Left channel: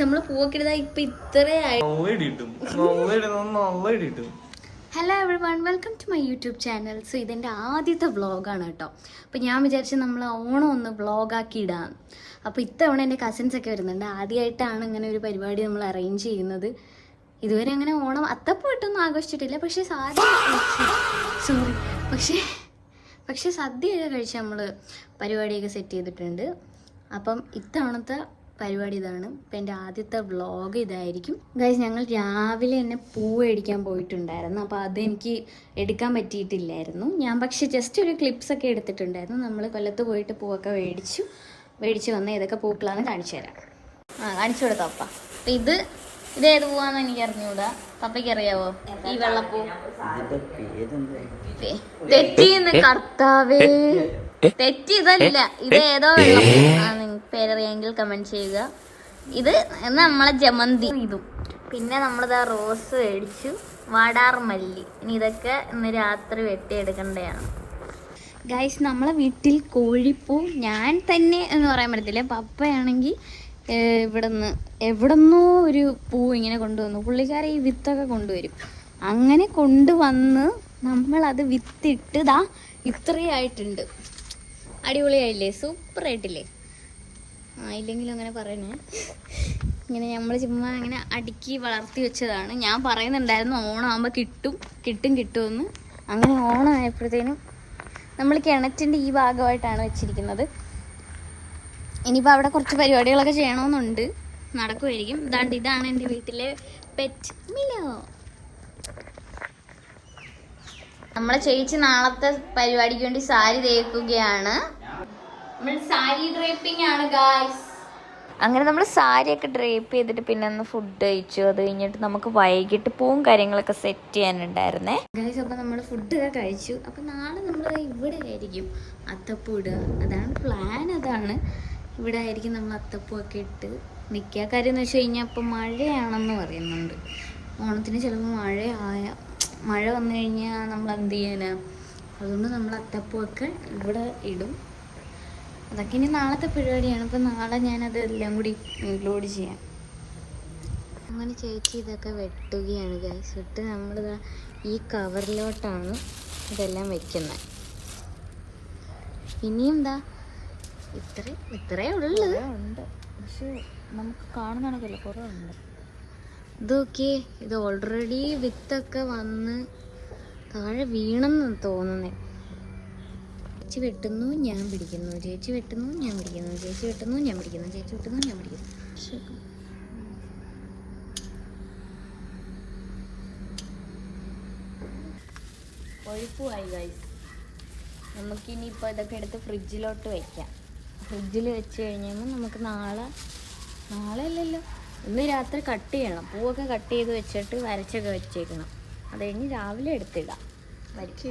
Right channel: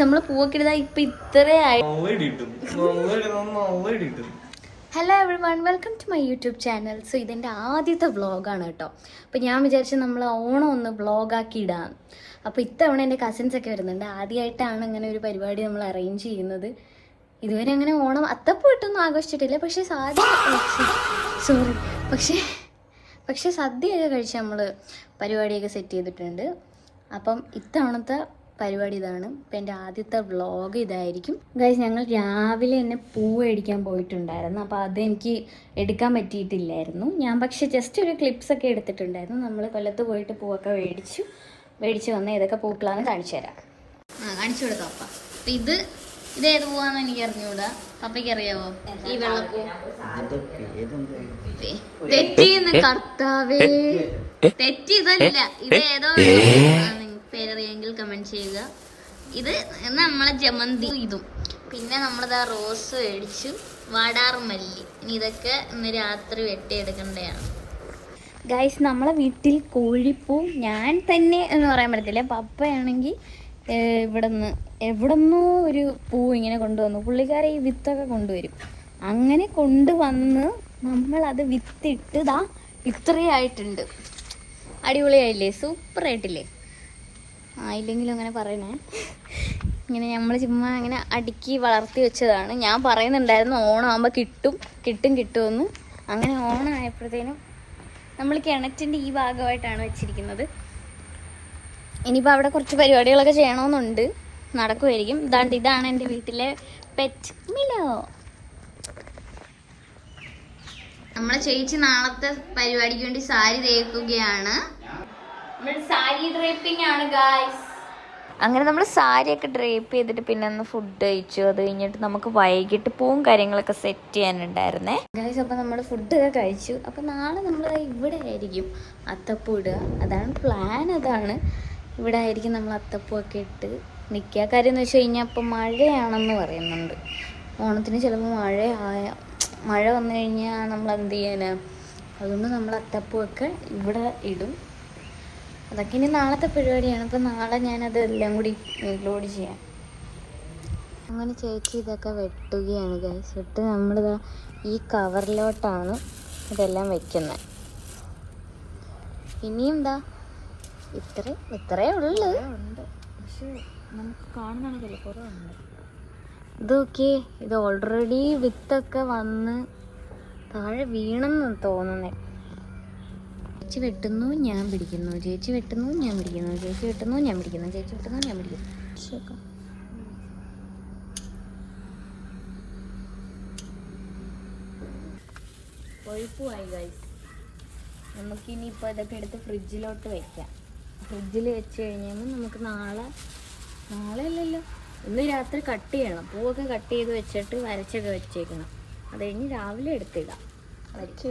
നമ്മള് പൂവൊക്കെ ഇതാ ഇപ്പൊ ഇത്രയായി. Hello everyone, welcome to my YouTube channel. So ഇതെൻ്റെ ആദ്യത്തെ വ്ളോഗാണ് കേട്ടോ. അപ്പോൾ ഞാൻ വിചാരിച്ചു നമ്മൾ ഓണം ഒന്ന് വ്ളോഗാക്കി ഇടാം. അപ്പോൾ ഇത്തവണ എൻ്റെ കസിൻസൊക്കെ വരുന്നുണ്ട്. ആദ്യമായിട്ടാണ് ഇങ്ങനെ ഒരു പരിപാടി നമ്മൾ അറേഞ്ച് ചെയ്യുന്നത്. ഇതുവരെ അങ്ങനെ ഓണം അത്തപ്പൂ ഇട്ടൊന്നും ആഘോഷിച്ചിട്ടില്ല. പക്ഷേ പക്ഷേ സദ്യയൊക്കെ കഴിച്ച് നമ്മൾ പരിപാടിയൊക്കെ സെറ്റ് ചെയ്തിട്ടുണ്ട്. അപ്പം ഇത്തവണത്തെ പരിപാടി ഇതാണ്. ഇപ്പം എൻ്റെ ആദ്യത്തെ വ്ളോഗ് ഇതായിരിക്കും. ഗൈസ്, ഞങ്ങൾ രാവിലെ തന്നെ പൂവ് മേടിക്കാൻ പോയിട്ടുണ്ടായിരുന്നു. അപ്പോൾ അതെനിക്ക് എടുക്കാൻ പറ്റിയിട്ടില്ലായിരുന്നു. ഞാൻ പക്ഷേ ജസ്റ്റ് ഒരു ക്ലിപ്സൊക്കെ എടുത്തിട്ടുണ്ടായിരുന്നു. നമ്മൾ കൊല്ലത്ത് പോയിട്ട് പൂവൊക്കെ മേടിച്ച് വന്ന ഏതൊക്കെ പൂക്കളാണ് കാണിച്ചു തരാം. കാണിച്ചു കൊടുക്കാം അപ്പ. അപ്പം ഇതേത് പൂവാന്ന് എനിക്ക് അറിഞ്ഞൂടാ. പപ്പയ്ക്ക് അറിയാവോ ഈ വെള്ളപ്പൂ? തെറ്റിന്ന് കർത്താവേ, തെറ്റിയതല്ല. ഇത് ഏതോ വെള്ളപ്പൂ പേരറിയാമെങ്കിൽ കമന്റ് ചെയ്യുക. ഇത് നമ്മളെ ജമന്തി. ഇതും പിന്നെ നമ്മളിതാ റോസ് മേടിച്ചു, വാടാർമല്ലി. ഇനി ഇതൊക്കെ ഇന്ന് രാത്രി വെട്ടിയെടുക്കേണ്ടതാണ്. ഗൈസ്, നമ്മളെ വീട്ടിൽ കോഴിപ്പൂ ഞാൻ തന്നെ എന്ന് പറയാൻ പറ്റത്തില്ല. പപ്പയാണെങ്കിൽ എവിടുന്നോ ഒരു പൂ ഇങ്ങനെ കൊണ്ടുവന്നു. പുള്ളിക്കാരെ ഈ വിത്തൊക്കെ കൊണ്ടുവരും. അങ്ങനെ കൊണ്ടുവന്ന് നമ്മളത് വിത്തിട്ട് ഇത്രയായിട്ടുണ്ട്. അടിപൊളിയായില്ലേ? സൂപ്പറായിട്ടില്ലേ? ആയില്ലെങ്കിലും അങ്ങനെ പറയണേ. ഇങ്ങനെ നമ്മൾ ചുമ്മാ അങ്ങനെ അടുക്കി വളർത്തി വെച്ചതാണ്. ഞാൻ പറയുന്നുണ്ടായിരുന്നു ഓണം ആകുമ്പോൾ കിട്ടുമെന്ന്. അങ്ങനെ ഓണം ആയപ്പോഴത്തേനും നമ്മൾ കിണറ്റിൻ്റെ ഈ ഭാഗമായിട്ടാണ് വെച്ചിരിക്കുന്നത്. ഇനിയിപ്പോൾ അവിടെ കുറച്ച് പരിപാടികളൊക്കെ ചെയ്യണമെന്നുണ്ട്. നടക്കുമായിരിക്കും. ഇതാണ് എൻ്റെ വീട്ടിലെ പെറ്റ് മിലോ. നമ്മളെ ചേച്ചി നാളത്തെ പരിപാടിക്ക് വേണ്ടി സാരി തേക്കുകയാണ്. സാരി ഡ്രേപ്പിംഗ് ആണ് ഗായ്സ്. അങ്ങനെ നമ്മൾ സാരിയൊക്കെ ഡ്രേപ്പ് ചെയ്തിട്ട് പിന്നെ ഒന്ന് ഫുഡ് കഴിച്ചു. അത് കഴിഞ്ഞിട്ട് നമുക്ക് വൈകിട്ട് പൂവും കാര്യങ്ങളൊക്കെ സെറ്റ് ചെയ്യാനുണ്ടായിരുന്നേ ഗായ്സ്. അപ്പോൾ നമ്മൾ ഫുഡൊക്കെ കഴിച്ചു. അപ്പോൾ നാളെ നമ്മൾ ഇവിടെ ആയിരിക്കും അത്തപ്പൂ ഇടുക. അതാണ് പ്ലാൻ. അതാണ് ഇവിടെ ആയിരിക്കും നമ്മൾ അത്തപ്പൂ ഒക്കെ ഇട്ട് നിൽക്കുക. കാര്യം എന്ന് വെച്ച് കഴിഞ്ഞാൽ ഇപ്പം മഴയാണെന്ന് പറയുന്നുണ്ട്. ഓണത്തിന് ചിലപ്പോൾ മഴ വന്നു കഴിഞ്ഞാൽ നമ്മൾ എന്ത് ചെയ്യാനാ? അതുകൊണ്ട് നമ്മൾ അത്തപ്പൂ ഒക്കെ ഇവിടെ ഇടും. അതൊക്കെ ഇനി നാളത്തെ പരിപാടിയാണ്. അപ്പം നാളെ ഞാനത് എല്ലാം കൂടി ഇൻക്ലൂഡ് ചെയ്യാം. അങ്ങനെ ചേച്ചി ഇതൊക്കെ വെട്ടുകയാണ് ഗൈസ്. വെട്ട് നമ്മളിതാ ഈ കവറിലോട്ടാണ് ഇതെല്ലാം വെക്കുന്നത്. ഇനിയും ഇത്രേ ഉള്ളു. പക്ഷെ നമുക്ക് കാണുന്നതാണെങ്കിലേ കുറേ ഉണ്ട്. ഇതൊക്കെ ഇത് ഓൾറെഡി വിത്തൊക്കെ വന്ന് താഴെ വീണെന്ന് തോന്നുന്നേ. ചേച്ചി വെട്ടുന്നു, ഞാൻ പിടിക്കുന്നു. ചേച്ചി വെട്ടുന്നു, ഞാൻ പിടിക്കുന്നു. ചേച്ചി വെട്ടുന്നു, ഞാൻ പിടിക്കുന്നു. ചേച്ചി വെട്ടുന്നു, ഞാൻ പിടിക്കുന്നു. കൊഴുപ്പുമായി ഗൈസ്. നമുക്കിനിയിപ്പോൾ ഇതൊക്കെ എടുത്ത് ഫ്രിഡ്ജിലോട്ട് വയ്ക്കാം. ഫ്രിഡ്ജിൽ വെച്ച് കഴിഞ്ഞാൽ നമുക്ക് നാളെ അല്ലല്ലോ, ഇന്ന് രാത്രി കട്ട് ചെയ്യണം. പൂവൊക്കെ കട്ട് ചെയ്ത് വെച്ചിട്ട് വരച്ചൊക്കെ വെച്ചേക്കണം. അത് കഴിഞ്ഞ് രാവിലെ എടുത്തിടാം.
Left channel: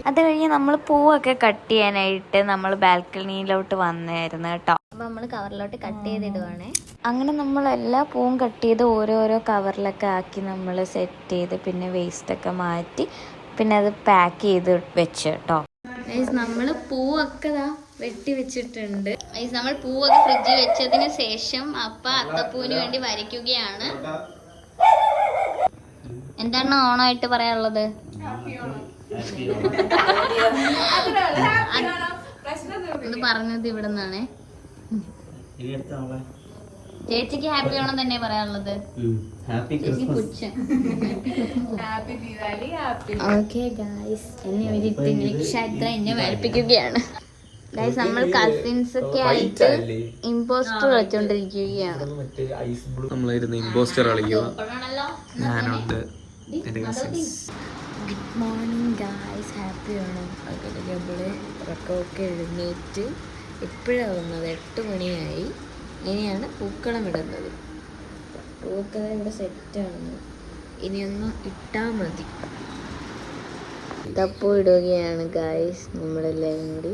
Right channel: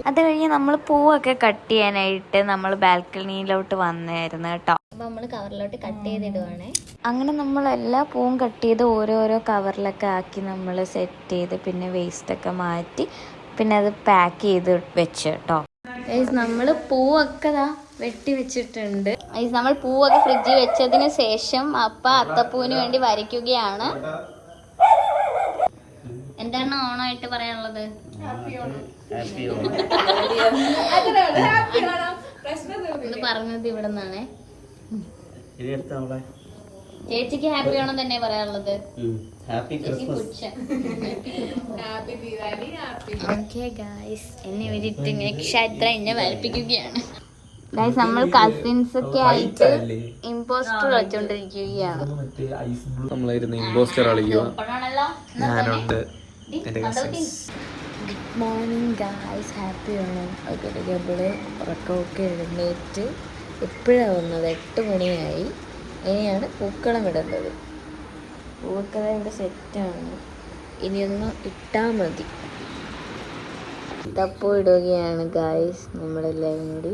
അത് കഴിഞ്ഞ് നമ്മൾ പൂവൊക്കെ കട്ട് ചെയ്യാനായിട്ട് നമ്മൾ ബാൽക്കണിയിലോട്ട് വന്നായിരുന്നു കേട്ടോ. അപ്പം നമ്മൾ കവറിലോട്ട് കട്ട് ചെയ്തിടുവാണേ. അങ്ങനെ നമ്മൾ എല്ലാ പൂവും കട്ട് ചെയ്ത് ഓരോരോ കവറിലൊക്കെ ആക്കി നമ്മൾ സെറ്റ് ചെയ്ത് പിന്നെ വേസ്റ്റൊക്കെ മാറ്റി പിന്നെ അത് പാക്ക് ചെയ്ത് വെച്ച് കേട്ടോ. നമ്മൾ പൂവൊക്കെ വെട്ടി വെച്ചിട്ടുണ്ട്. നമ്മൾ പൂവൊക്കെ ഫ്രിഡ്ജിൽ വെച്ചതിന് ശേഷം അത്തപ്പൂവിന് വേണ്ടി വരയ്ക്കുകയാണ്. എന്താണ് ഓണമായിട്ട് പറയാനുള്ളത്? ഒന്ന് പറഞ്ഞത് ഇവിടെ നിന്നാണേ. ചേച്ചിക്ക് ഹാപ്പി ഓണം തന്നെ പറയാനുള്ളത്. ഓക്കെ ഗായ്സ്, എന്നെ ക്ഷേത്ര എന്നെ വരപ്പിക്കുകയാണ് ഗായ്സ്. നമ്മൾ കസിൻസ് ഒക്കെ ആയിട്ട് ഇമ്പോസ്റ്റർ കളിച്ചോണ്ടിരിക്കുകയാണ്. നമ്മളായിരുന്നു ഇമ്പോസ്റ്റർ കളിക്കുക. ഞാനുണ്ട്, എൻ്റെ cousins. Good morning guys, happy Onam. Okay, നമ്മള് ഉറക്കമൊക്കെ എഴുന്നേറ്റ് എപ്പോഴാണ് വന്നത്? 8 മണിയായി. ഇനിയാണ് പൂക്കളം ഇടുന്നത്. പൂക്കളം ഇവിടെ സെറ്റാണ്. ഇനിയൊന്ന് ഇട്ടാൽ മതി. ഇതപ്പോൾ ഇടുകയാണ് ഗായ്സ് നമ്മളെല്ലാവരും കൂടി.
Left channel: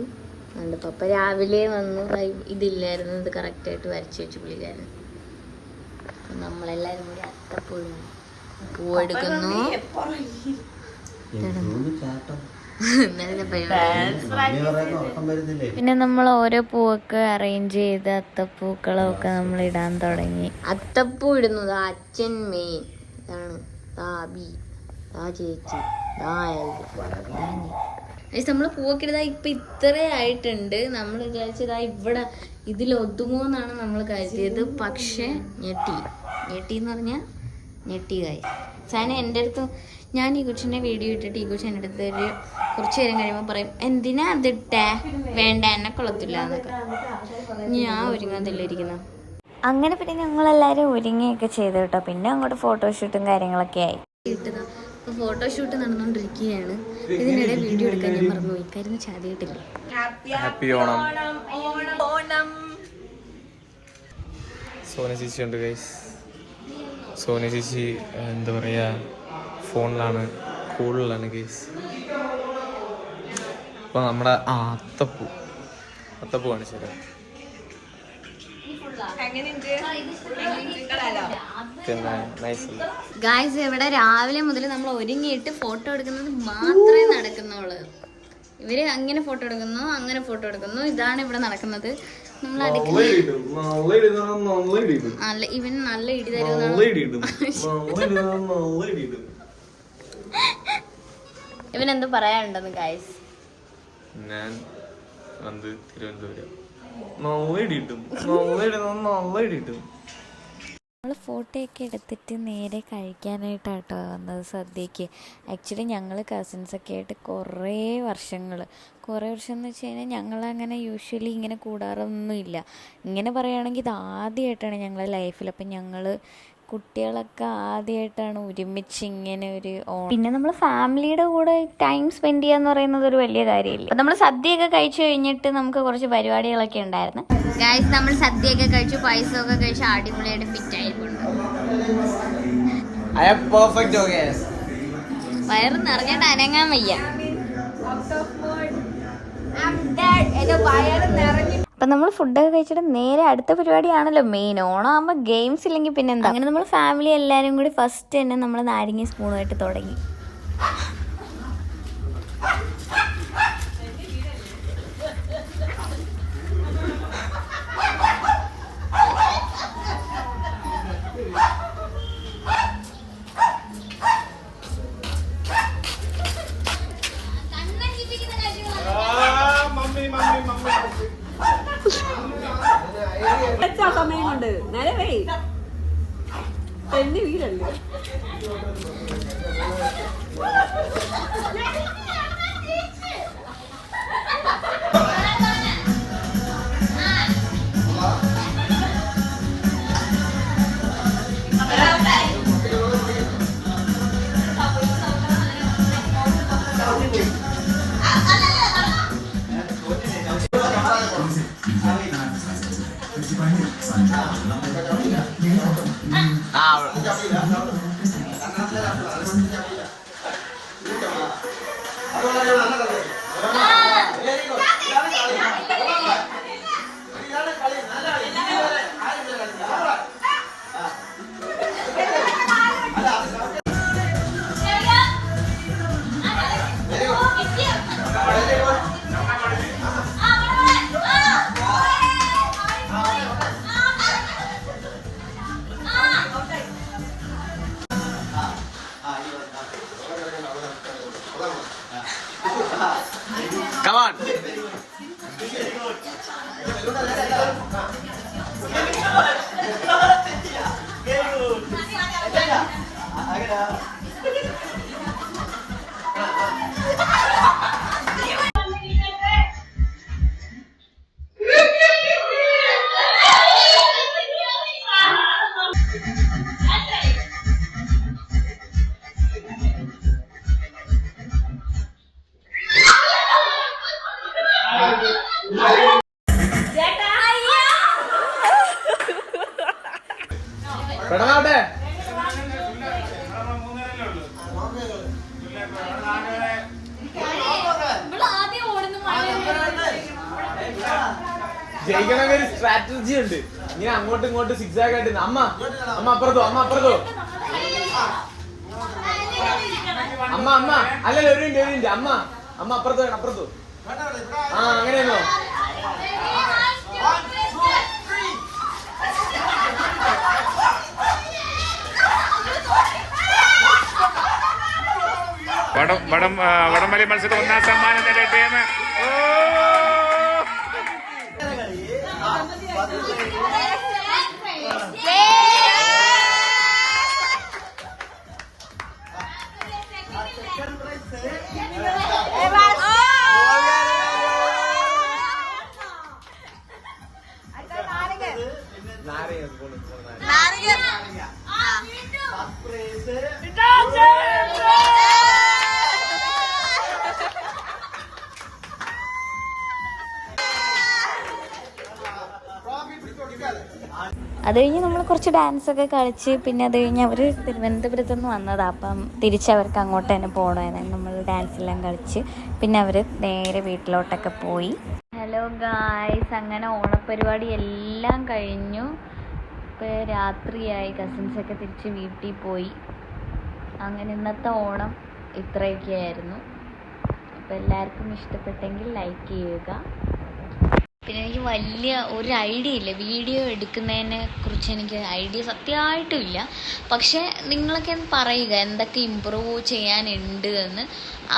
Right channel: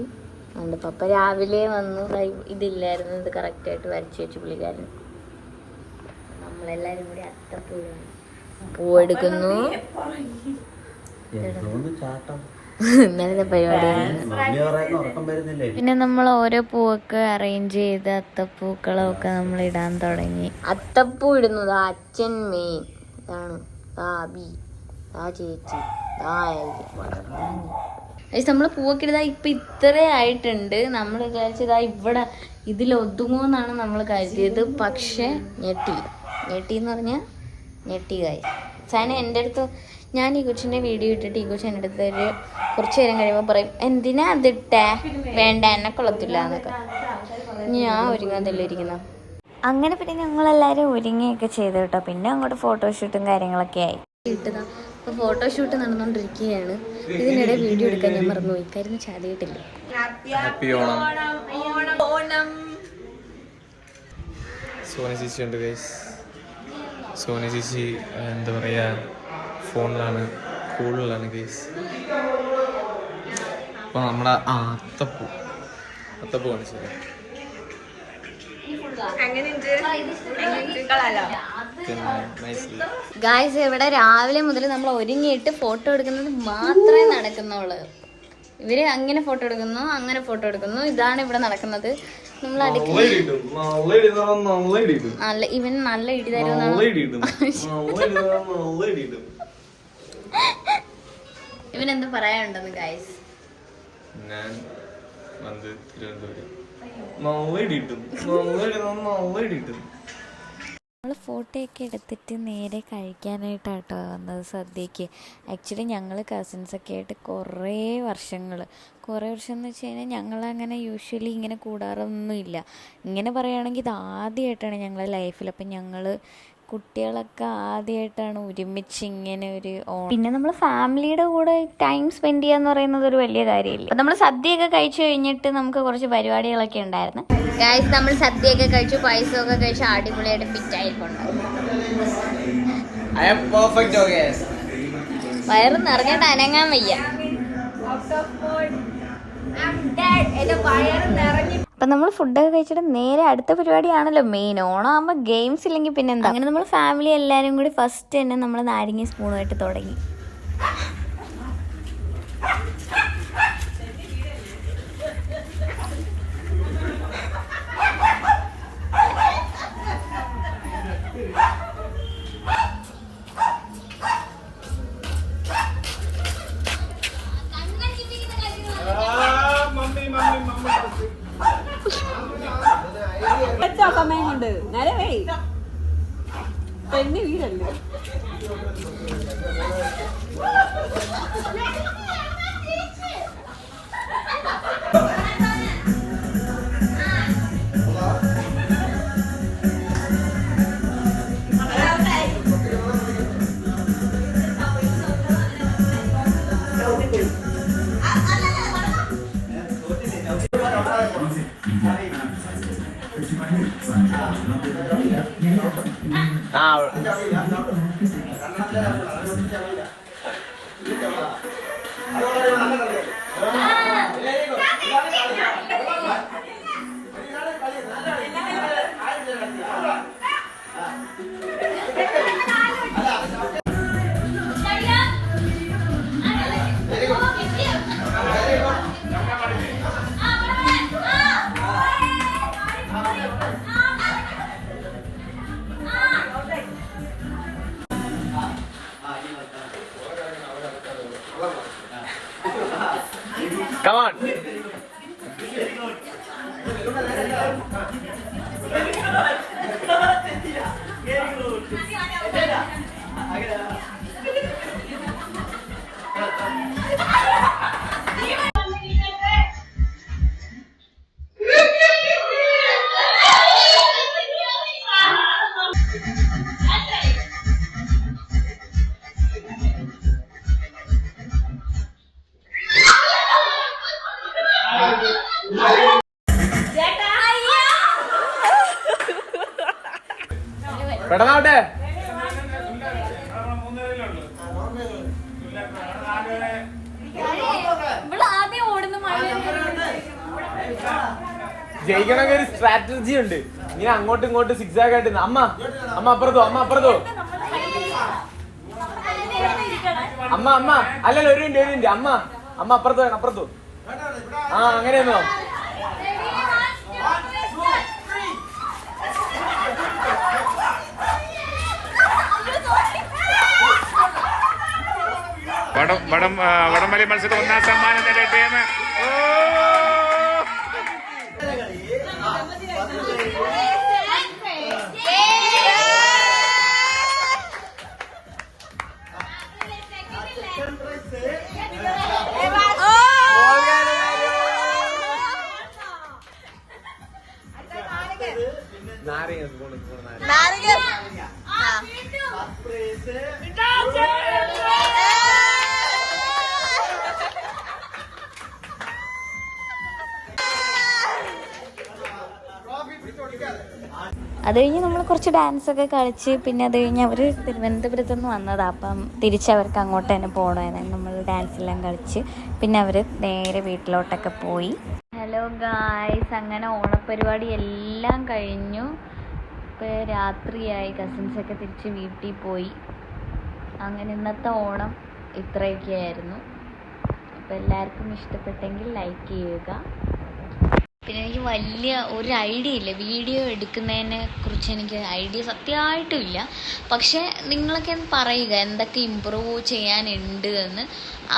അതുകൊണ്ട് പപ്പ രാവിലെ വന്ന് ഇതില്ലായിരുന്നു, ഇത് കറക്റ്റായിട്ട് വരച്ച് വെച്ച് പുള്ളിക്കാരൻ. നമ്മളെല്ലാവരും കൂടി അത്തപ്പൂവാണ്. പൂവെടുക്കുന്നു. ഇന്നലത്തെ പരിപാടി. പിന്നെ നമ്മൾ ഓരോ പൂവൊക്കെ അറേഞ്ച് ചെയ്ത് അത്തപ്പൂക്കളമൊക്കെ നമ്മൾ ഇടാൻ തുടങ്ങി. അത്തപ്പൂ ഇടുന്നത് അച്ഛൻ മെയിൻ. ഇതാണ് താബി, താ ചേച്ചി, നമ്മൾ പൂവൊക്കെ ഇതാ ഇപ്പൊ ഇത്ര ആയിട്ടുണ്ട്. നമ്മൾ വിചാരിച്ചതാ ഇവിടെ ഇതിലൊതുങ്ങുമെന്നാണ് നമ്മൾ കരുതിയത്. പക്ഷെ ഞെട്ടി എന്ന് പറഞ്ഞാൽ ഞെട്ടി കായ്. സാധനം എൻ്റെ അടുത്ത്, ഞാൻ ഈ കൊച്ചിൻ്റെ വീഡിയോ ഇട്ടിട്ട് ഈ കൊച്ചു എൻ്റെ അടുത്ത് ഒരു കുറച്ച് നേരം കഴിയുമ്പോൾ പറയും എന്തിനാ അതിട്ടേ, വേണ്ട എന്നെ കൊള്ളത്തില്ല എന്നൊക്കെ. ഞാൻ ഒരുങ്ങാതല്ലേ ഇരിക്കുന്ന. അങ്ങനെ പിന്നെ ഞങ്ങളെല്ലാവരും ഒരുങ്ങിയൊക്കെ ചെയ്തു കേട്ടോ. പിന്നെ അങ്ങോട്ട് ഫോട്ടോഷൂട്ടും കാര്യങ്ങളൊക്കെ ആയി. അപ്പോൾ ഫോട്ടോഷൂട്ട് നടന്നുകൊണ്ടിരിക്കുകയാണ്. ഇതിനിടെ വീഡിയോ എടുക്കാൻ ഞാൻ മറന്നു. ഇക്കാര്യം ചാതിയിട്ടില്ല. ഹാപ്പി ഓണം. സോന ചേച്ചി ഉണ്ട് ഗൈസ്. സോന ചേച്ചി എന്താ പറയുക, ഫോണിലാണ്, കൂളിലാണ് ഗൈസ്. അപ്പോൾ നമ്മുടെ അത്തപ്പൂ കാണിച്ചു തരാം. ഗായ്സ്, ഇവിടെ രാവിലെ മുതൽ നമ്മൾ ഒരുങ്ങിയിട്ട് ഫോട്ടോ എടുക്കുന്നത് മാത്രമേ നടക്കുന്നുള്ളൂ. ഇവര് അങ്ങനെ ഫോട്ടോ എടുക്കുന്നു, അങ്ങനെ ഫോട്ടോ എടുക്കുന്നു. ഇതാണ് ഇവിടെ നടക്കുന്നത്. നമ്മൾ നല്ല ഇവൻ നല്ല ഇടി തരുന്നു. ഇവനെന്തോ പറയാനുണ്ടെന്ന് ഗായ്സ്. ഞാൻ വന്ന് തിരുവനന്തപുരം നമ്മൾ ഫോട്ടോയൊക്കെ എടുത്തിട്ട് നേരെ കഴിക്കാനായിട്ടാട്ടോ വന്നത് സദ്യക്ക്. ആക്ച്വലി ഞങ്ങൾ കസിൻസൊക്കെ ആയിട്ട് കുറേ വർഷം എന്ന് വെച്ച് കഴിഞ്ഞാൽ ഞങ്ങളങ്ങനെ യൂഷ്വലി ഇങ്ങനെ കൂടാറൊന്നുമില്ല. ഇങ്ങനെ പറയുകയാണെങ്കിൽ ഇത് ആദ്യമായിട്ടാണ് ഞങ്ങളുടെ ലൈഫിൽ. അപ്പം ഞങ്ങൾ കുട്ടികളൊക്കെ ആദ്യമായിട്ടാണ് ഒരുമിച്ച് ഇങ്ങനെ ഒരു ഓണം. പിന്നെ നമ്മൾ ഫാമിലിയുടെ കൂടെ ടൈം സ്പെൻഡ് ചെയ്യാന്ന് പറയുന്നത് ഒരു വലിയ കാര്യമില്ല. അപ്പം നമ്മൾ സദ്യയൊക്കെ കഴിച്ചു കഴിഞ്ഞിട്ട് നമുക്ക് കുറച്ച് പരിപാടികളൊക്കെ ഉണ്ടായിരുന്നു. ഗായ്സ്, നമ്മൾ സദ്യയൊക്കെ കഴിച്ചു, പായസമൊക്കെ കഴിച്ച് അടിപൊളിയായിട്ട് ഫിറ്റ് ആയിട്ടുണ്ട്. വയറ് നിറഞ്ഞിട്ട് അനങ്ങാൻ വയ്യ. അപ്പം നമ്മൾ ഫുഡൊക്കെ കഴിച്ചിട്ട് നേരെ അടുത്ത പരിപാടിയാണല്ലോ മെയിൻ. ഓണമാകുമ്പോൾ ഗെയിംസ് ഇല്ലെങ്കിൽ പിന്നെ എന്താ. അങ്ങനെ നമ്മൾ ഫാമിലി എല്ലാവരും കൂടി ഫസ്റ്റ് തന്നെ നമ്മൾ നാരങ്ങ സ്പൂണുമായിട്ട് തുടങ്ങി. സമയമുണ്ട് നേരെ പെണ്ണി വീടല്ലേ. Come on. ജയിക്കണമെങ്കിൽ ഒരു സ്ട്രാറ്റജി ഉണ്ട്. ഇങ്ങനെ അങ്ങോട്ടും ഇങ്ങോട്ടും സിക്സാഗ് ആയിട്ട് അമ്മ അപ്പുറത്തോ അല്ലല്ലോ ഒരു മിനിറ്റ് അമ്മ അമ്മ അപ്പുറത്ത് വേണം, അപ്പുറത്ത്. ആ അങ്ങനെയാണോ? വടംവലി മത്സരത്തിൽ 1ാം സമ്മാനം നേടിയ ടീം. അത് കഴിഞ്ഞ് നമ്മൾ കുറച്ച് ഡാൻസൊക്കെ കളിച്ച് പിന്നെ അത് കഴിഞ്ഞ് അവർ തിരുവനന്തപുരത്ത് നിന്ന് വന്നതാണ്. അപ്പം തിരിച്ചവർക്ക് അങ്ങോട്ട് തന്നെ പോകണമായിരുന്നു. നമ്മൾ ഡാൻസെല്ലാം കളിച്ച് പിന്നെ അവർ നേരെ വീട്ടിലോട്ടൊക്കെ പോയി. ഹലോ ഗായ്സ്, അങ്ങനെ ഓണപ്പരിപാടി എല്ലാം കഴിഞ്ഞു. ഇപ്പോൾ രാത്രിയായി, കസിൻസൊക്കെ തിരിച്ച് വീട്ടിൽ പോയി. അങ്ങനെ ഇന്നത്തെ ഓണം ഇത്രയൊക്കെയായിരുന്നു. അപ്പോൾ എല്ലാവർക്കും ഇഷ്ടപ്പെട്ടെങ്കിൽ ലൈക്ക് ചെയ്യുക. പിന്നെ എനിക്ക് വലിയ ഒരു ഐഡിയ ഇല്ല, വീഡിയോ എടുക്കുന്നതിനെ കുറിച്ച് എനിക്ക് ഐഡിയ സത്യമായിട്ടും ഇല്ല. പക്ഷേ നിങ്ങളൊക്കെ പറയുക എന്തൊക്കെ ഇമ്പ്രൂവ് ചെയ്യാനുണ്ട് എന്ന്.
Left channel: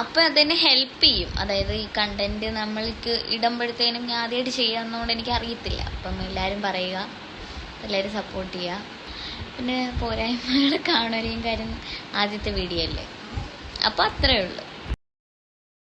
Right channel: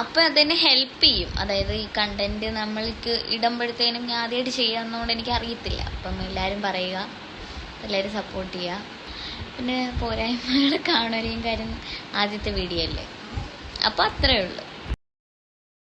അപ്പോൾ അതെന്നെ ഹെൽപ്പ് ചെയ്യും. അതായത് ഈ കണ്ടൻറ്റ് നമ്മൾക്ക് ഇടുമ്പോഴത്തേനും ഞാൻ ആദ്യമായിട്ട് ചെയ്യാവുന്നതുകൊണ്ട് എനിക്ക് അറിയത്തില്ല. അപ്പം എല്ലാവരും പറയുക, എല്ലാവരും സപ്പോർട്ട് ചെയ്യുക. പിന്നെ പോരായ്മകൾ കാണുകയും കാര്യം ആദ്യത്തെ വീഡിയോ അല്ലേ. അപ്പോൾ അത്രയേ ഉള്ളൂ.